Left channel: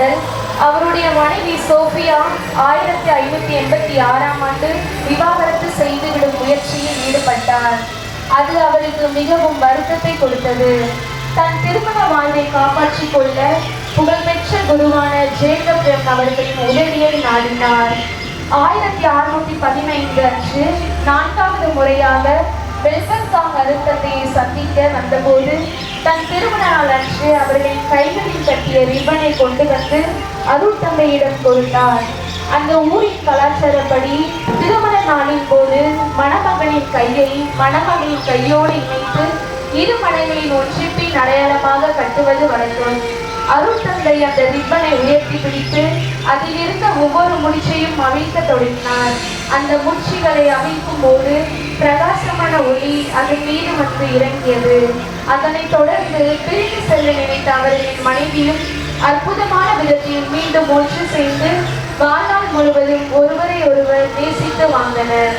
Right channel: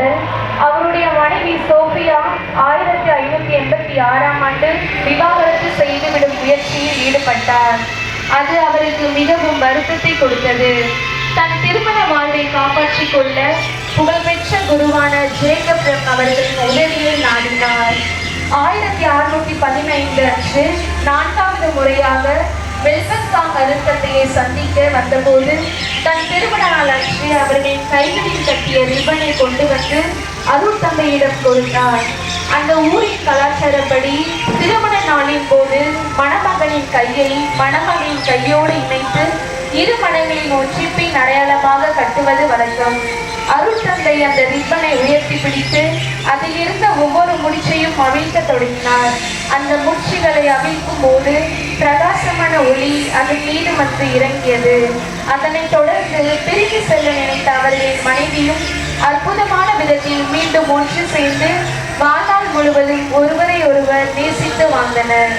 முதல் அவருடைய மனைவி சோபியா 1586ஆம் ஆண்டு விவாகரத்து செய்துவிடும் முயற்சியில் ஈடுபட்டார். அது அவருக்கு மிகவும் வருத்தத்தை கொடுத்தது. தன் திருமண வாழ்வை காப்பாற்றிக் கொள்ள புகழ்பெற்ற குருவான ஜேக்கப் அவர்களின் உதவியை நாடினார். 1615 அன்று 4வது முறையாக வெல்பன்காங் அருட்தந்தையை சந்திக்க வந்தபோது தன் திருமண நாள் அன்று அவர்களின் கைகளில் கட்டிய ரிப்பனை கொண்டு வந்து அருட்தந்தையிடம் கொடுத்தார். அந்த ஊரின் கலாச்சாரப்படி திருமண நாளின் போது மணமகனின் கையை மணமகளின் கையோடு இணைத்து இரு மனைகளின் ஒன்றிப்பின் அடையாளமாக கட்டுவது வழக்கம். அருட்தந்தை அந்த ரிப்பனை உயர்த்தி பிடித்து அதில் இருந்த ஒவ்வொரு முடிச்சையும் அவிழ்க்க தொடங்கினார். அந்த முடிச்சுகளை அவிழ்க்கும் போது பிரகாசமான ஒளி அதன் மீது வந்து இறங்கியது. அதனைத் தொடர்ந்து பிரிந்து செல்ல நினைத்த அவர்களின் மனைவியும் அற்புதமான விதத்தில் மீண்டும் ஒன்று சேர்ந்து வாழ்நாள் முழுவதும் ஒருவரை ஒருவர் நேசித்து வாழ்ந்தனர்.